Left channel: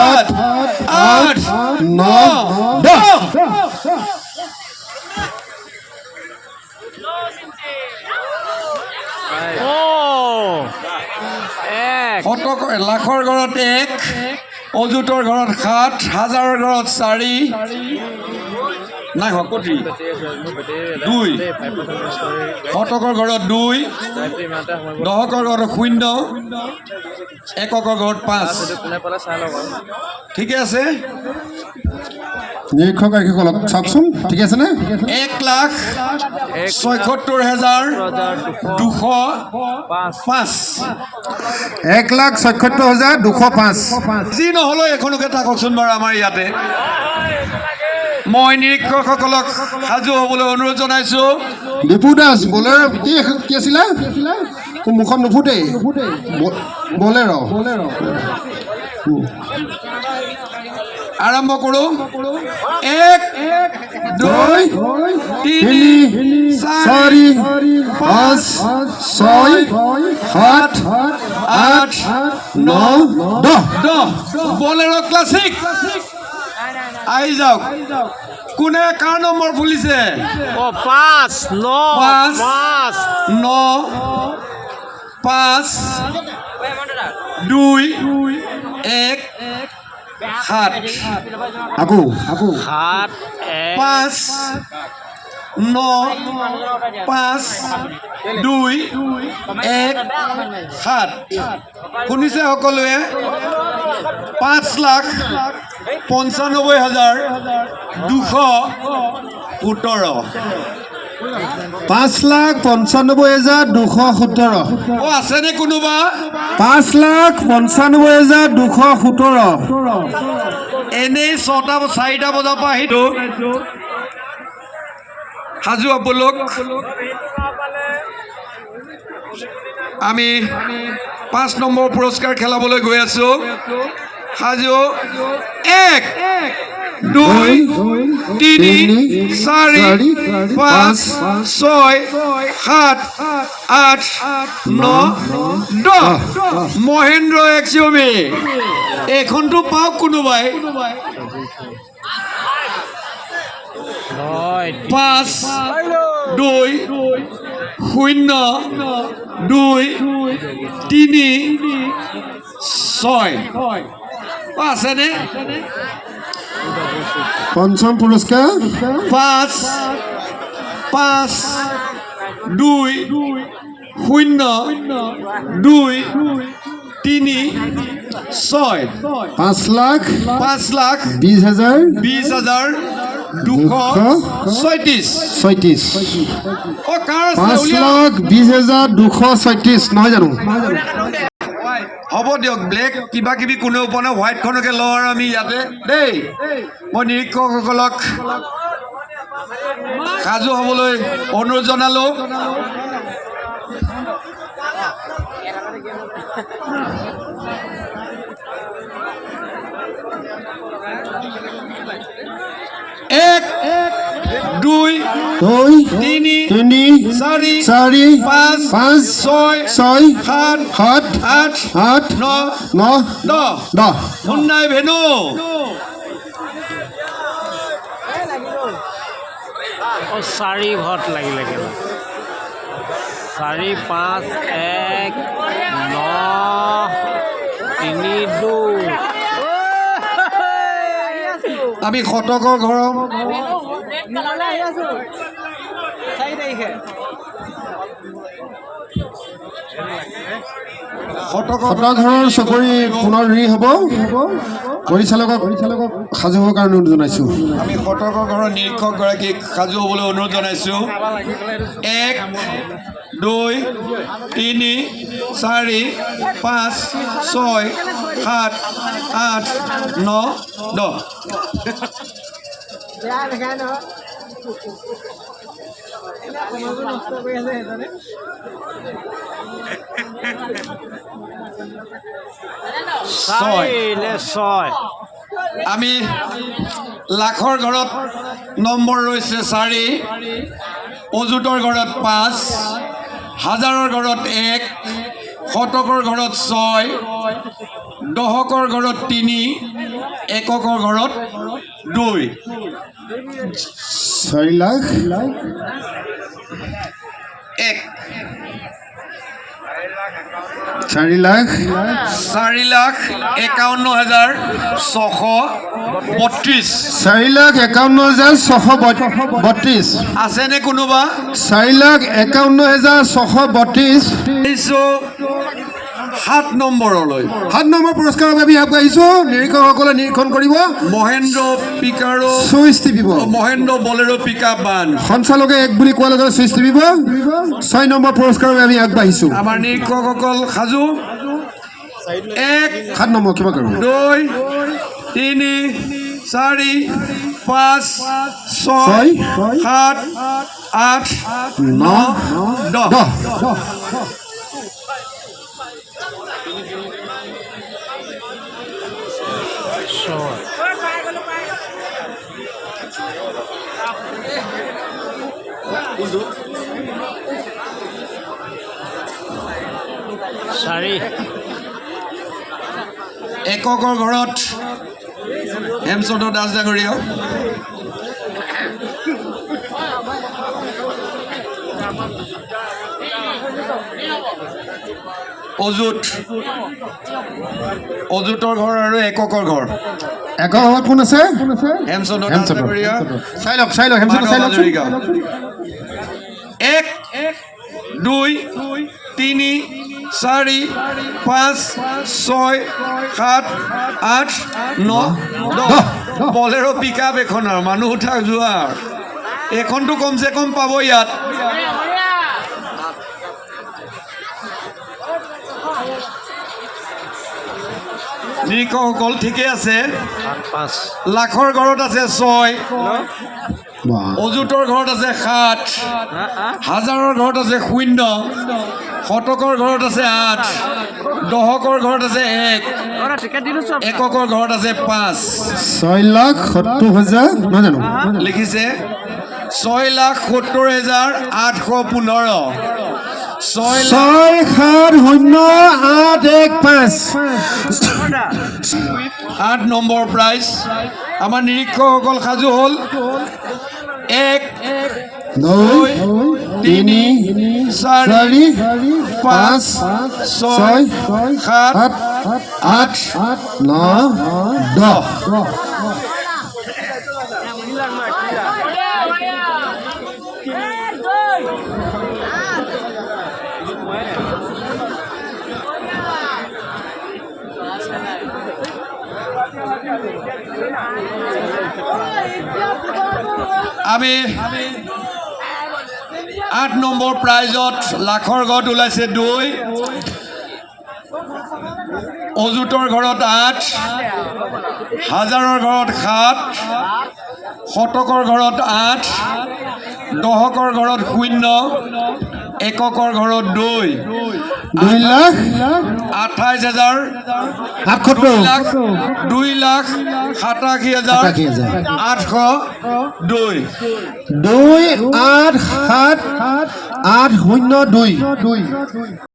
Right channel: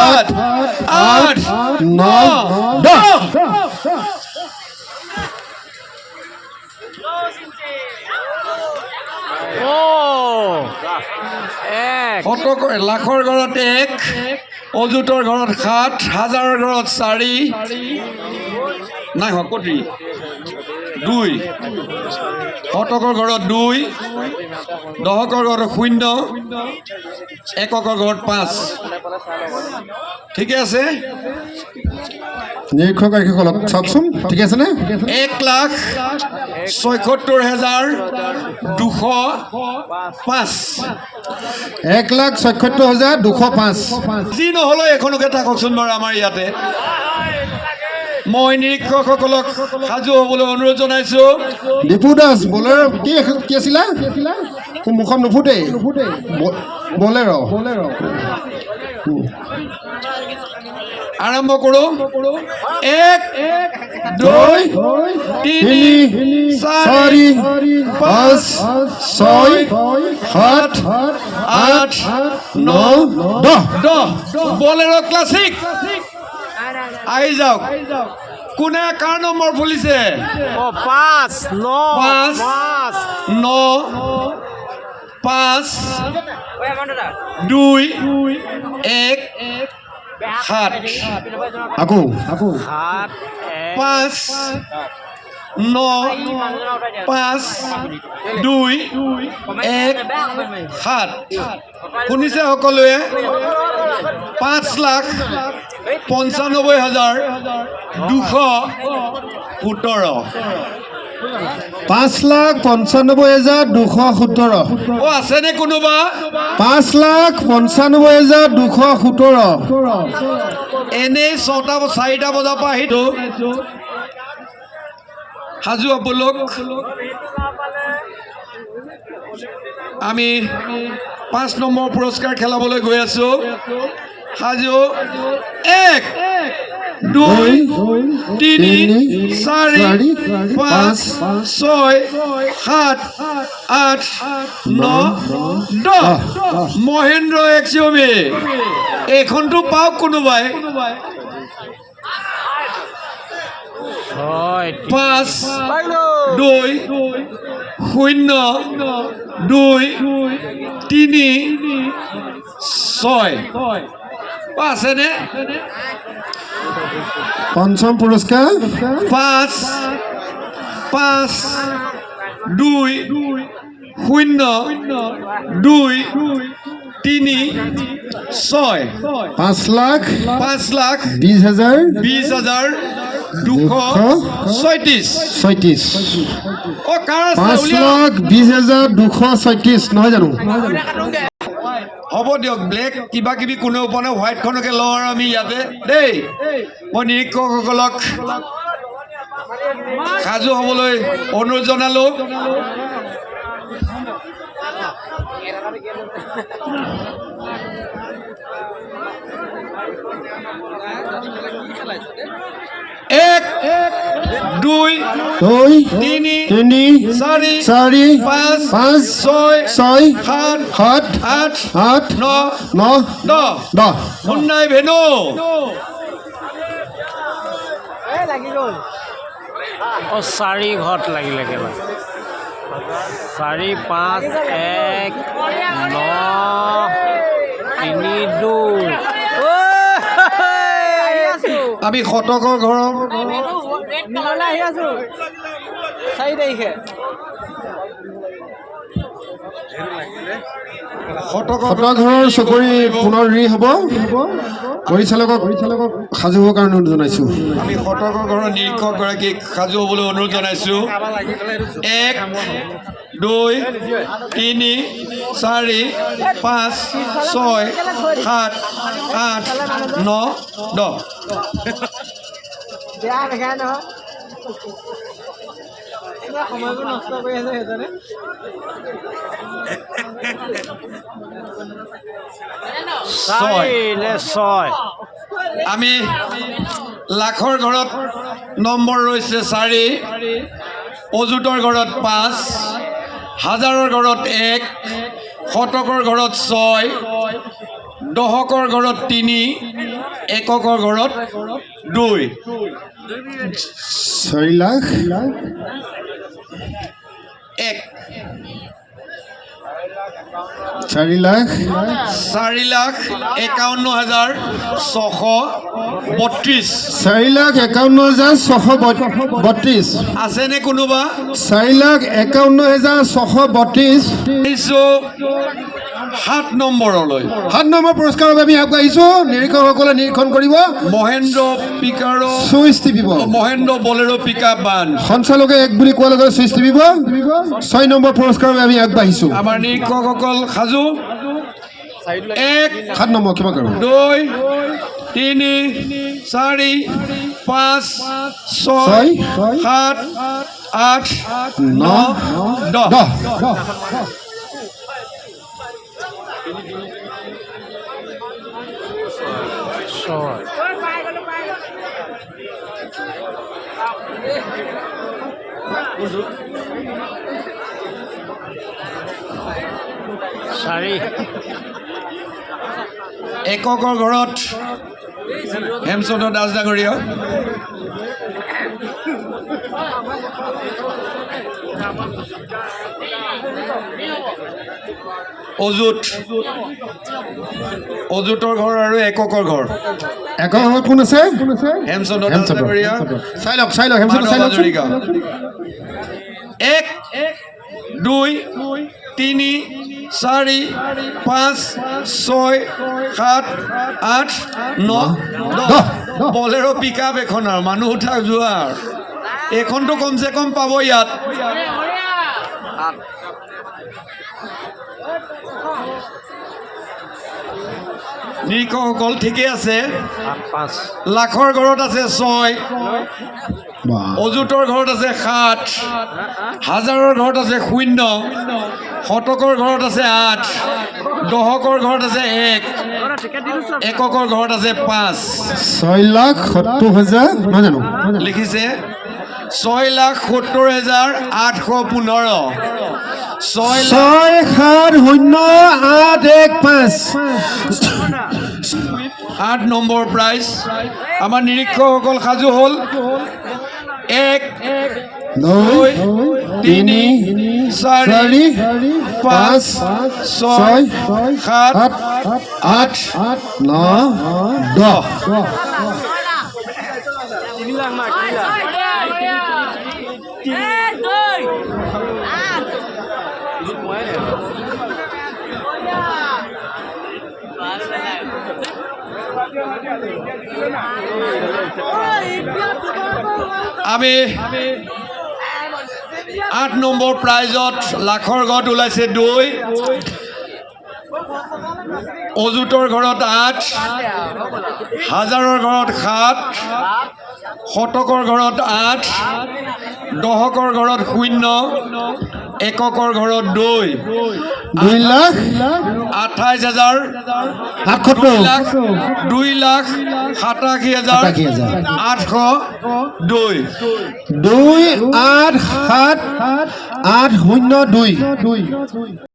সাত আট নয় দহ লাখৰ ঘৰত এক অযুতৰ ঘৰত সাত হাজাৰৰ ঘৰত চাৰি নাই হকতি দুই শতকৰ ঘৰত দুই দহকৰ ঘৰত শূন্য এককৰ ঘৰত পাঁচ ঠিকে আছে নিৰীক্ষক আৰক্ষীসকলক চাওকচোন ঠিকে আছেনে 1,76,205 1,76,205 যি নহ'লেও এখনকে থাককচোন বাৰু আমাৰ ইয়াতে মই নিৰীক্ষকসকলক সাজু হ'বলৈ অনুৰোধ জনাইছোঁ দীপু দাস বলেৰ কি আছিলা মুখত নুফুটেই বলেৰ আৰম্ভ কৰোঁ 1 2 3 4 5 6 7 8 9 10 বলেৰ ক্লাছিক আহি যাওক কোনে কাৰ নম্বৰ ফুলিছে 5 9 5 2 1 7 আকৌ 5 9 5 2 1 7 শুনিছে সকলোৱে 5,95,217 5,95,217 আছেনে কোনোবা 5,95,217 এনেই 4টা বজাৰ পৰা আহিতো সাজু আপোনালোক আমি 5 নম্বৰ পুৰস্কাৰ খেলাবলৈ গৈ আছোঁ সাজু 1 2 3 4 5 6 7 8 9 10 মহেন্দ্ৰ XUV এইখনটো পাওক কোনোবাই 5 2 0 2 3 6 আছেনে পঞ্চম পুৰস্কাৰ 5 5 2 0 2 3 6 5,20,236 অ কাৰ আছে 5,20,236 নহয় জানো হ'ব দিয়ক ব্লেক কিবা কিবি কোনেও পোৱা নাই হোৱাইটখনকে লওঁ আৰু আমি ইয়াতে দেই মই নিৰীক্ষকসকলক সাজু হ'বলৈ অনুৰোধ জনালোঁ এক 2 3 4 5 6 7 8 9 10 মুন্নাই ভেনু চাৰি ঘৰত লাগিলে কেলা 4 5 1 9 3 2 আমি শতকৰ ঘৰৰ শতকৰ ঘৰৰ চকৰি পুনৰ ৰি হ'ব পৰিচালকক সাজু হ'বৰ কাৰণে অনুৰোধ জনাইছোঁ আমি শতকৰ ঘৰৰ নিৰীক্ষকগৰাকীক সাজু হ'বলৈ অনুৰোধ জনাইছোঁ 1 2 3 4 5 6 7 8 9 10 6 আমি লাখৰ ঘৰত নম্বৰ ৰৈছে 4 অযুতৰ ঘৰত 5 হাজাৰৰ ঘৰত 1 শতকৰ ঘৰত 6 দহকৰ ঘৰত 3 এককৰ ঘৰত 2 4 লাখ 1 4 লাখ 4,51,632 4,51,632 আছেনে কোনোবা 4,51,632 7 নম্বৰলৈ 7 নম্বৰ পুৰস্কাৰত আমি আগবাঢ়িছোঁ নিৰীক্ষকসকলে নিৰীক্ষণ কৰিব মহেন্দ্ৰ পিকাৰো চুইচ টিপিব মহেন্দ্ৰ বলেৰো পিকআপ বান সঞ্চালকে 1 বুলি কোৱাৰ লগে চুইচ টিপিব 6 নম্বৰ পুৰস্কাৰত আমি আগবাঢ়িছোঁ আমাৰ নিৰীক্ষকসকল সাজু 1 7 নম্বৰ কিমান কৰোঁ 2 3 4 5 6 7 8 9 10 ছয় চাৰি এককৰ ঘৰত হেমচন্দ্ৰ দাস ডাঙৰীয়া অজুতৰ ঘৰ আৰু এককৰ ঘৰ একৰ ঘৰত কোন আছে হেমচন্দ্ৰ দাস ডাঙৰীয়া চাই লওক হেমচন্দ্ৰ চাই লওক 1 2 3 4 5 6 7 8 9 10 বলেৰো পিকআপ এখনৰ মানুহ উঠা যোৱা এখনটো কমচে কম পাব ইয়াত নিৰীক্ষকসকল ঠিকে আছে 5 লাখৰ ঘৰত আছে 6 অজুতৰ ঘৰত আছে 7 হাজাৰৰ ঘৰত আছে 0 শতকৰ ঘৰত আছে 8 দহকৰ ঘৰত আছে 1 এককৰ ঘৰত আছে 5 6,70,000 নহয় জানো লিখিছে 6,70,815 6,70,815 8 নম্বৰ প্ৰাইজ আমাৰ নিৰীক্ষকসকল সাজু হ'ল 1 2 3 4 5 6 7 8 9 10 আমি 8 নম্বৰ প্ৰাইজত লাখৰ ঘৰত ওলাইছে 2 অজুতৰ ঘৰত 8 হাজাৰৰ ঘৰত 7 শতকৰ ঘৰত 8 দহকৰ ঘৰত 0 এককৰ ঘৰত 2 লাখ 28,000 2,87,802 2,8,7,802